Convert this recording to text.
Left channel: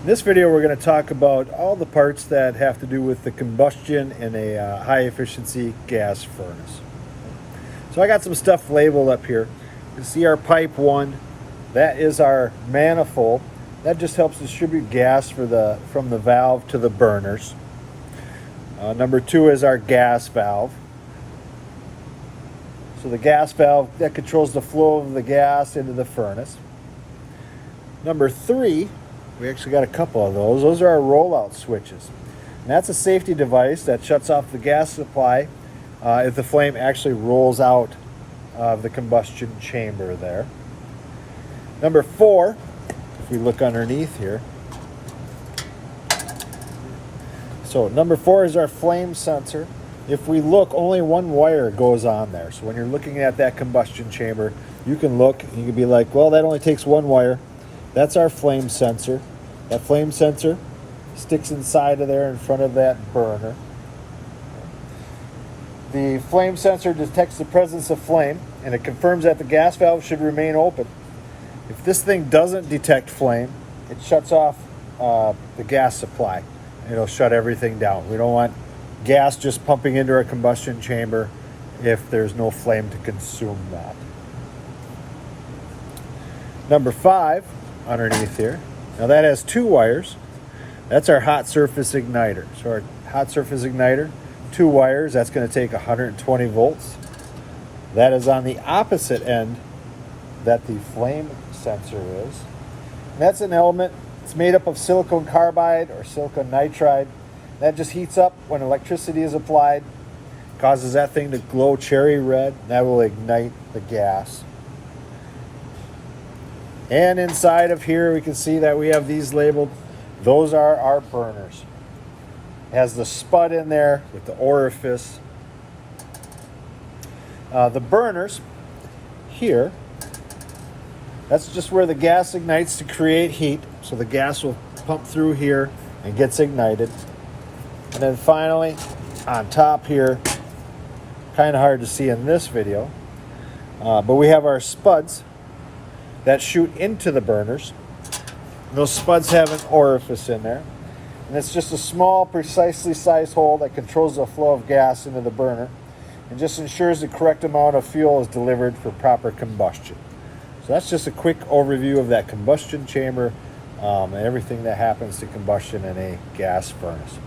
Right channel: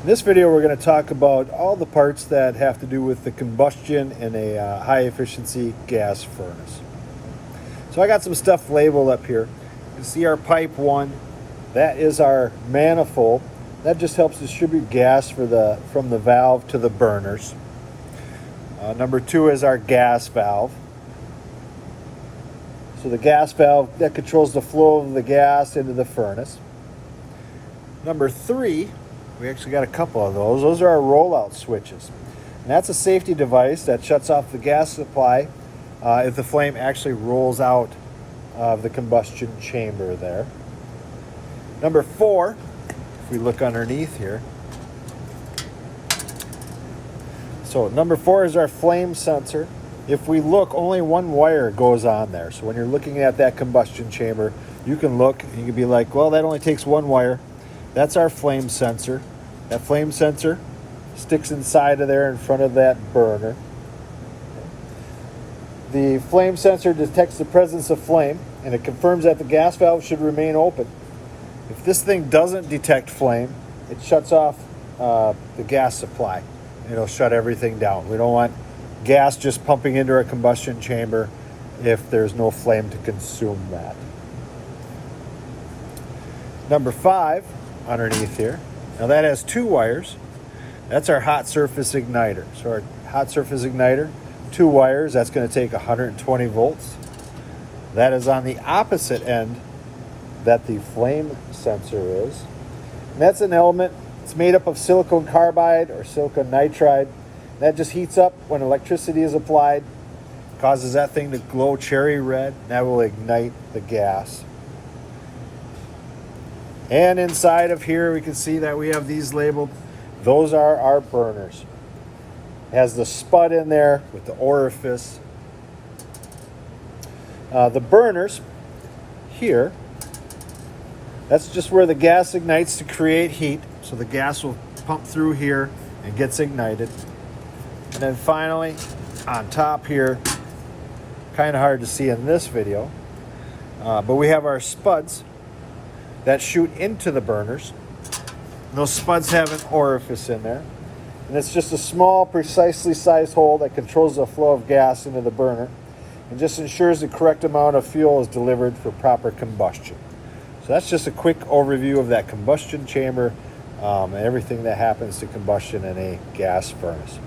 In this video, we're going to talk about all the parts that have to do with the combustion in a high efficiency gas furnace. So I got some stuff labeled up here. You can see our pipe 1, that is our manifold. That just helps distribute gas from the valve to the burners. Number 2 is our gas valve. So the gas valve, that controls the flow of the gas into the furnace. Number 3, we actually got a couple of those. Those are our rollout switches. And that's a safety device that shuts off the gas supply if the flame actually rolls out of the combustion chamber there. Number 4, if we look underneath here. So number 4 is our flame sensor. If we look, only one wire goes on there. So when you're looking at that combustion chamber, you can look and you can be like, well, that only takes one wire. That's our flame sensor. That flame sensor sticks inside of there in front of that burner. The flame sensor detects the presence of flame and it confirms that the gas valve should remain open. If this thing doesn't detect flame, it shuts off the gas supply. It'll shut everything down. We don't want gas just pumping into our combustion chamber if there's no flame to consume that. Number 5, underneath here, now that has 2 wires. That's our hot surface igniter. So our hot surface igniter, 2 wires, that's going to take 120 volts. That is on the opposite end that the flame sensor is. And that's an element, it's made up of silicon carbide or silicon nitride. That just heats up when electricity is applied, causes that thing to glow cherry red, and that will ignite the gas. And inside of here, we can see that we have these labeled. Those are our burners. It has the spud in there with the orifice. The burners here, that's just where the gas ignites to create heat. So the gas will pump through here and gets ignited. And then finally, on top here, kind of hard to see in this video, but we have our spuds that shoot into the burners. And those spuds have an orifice in there. And it's just a small, precisely sized hole that controls the flow of gas into the burner and just ensures the correct amount of fuel is delivered for proper combustion. So that's just a quick overview of that combustion chamber and everything that happens to combustion in a gas furnace.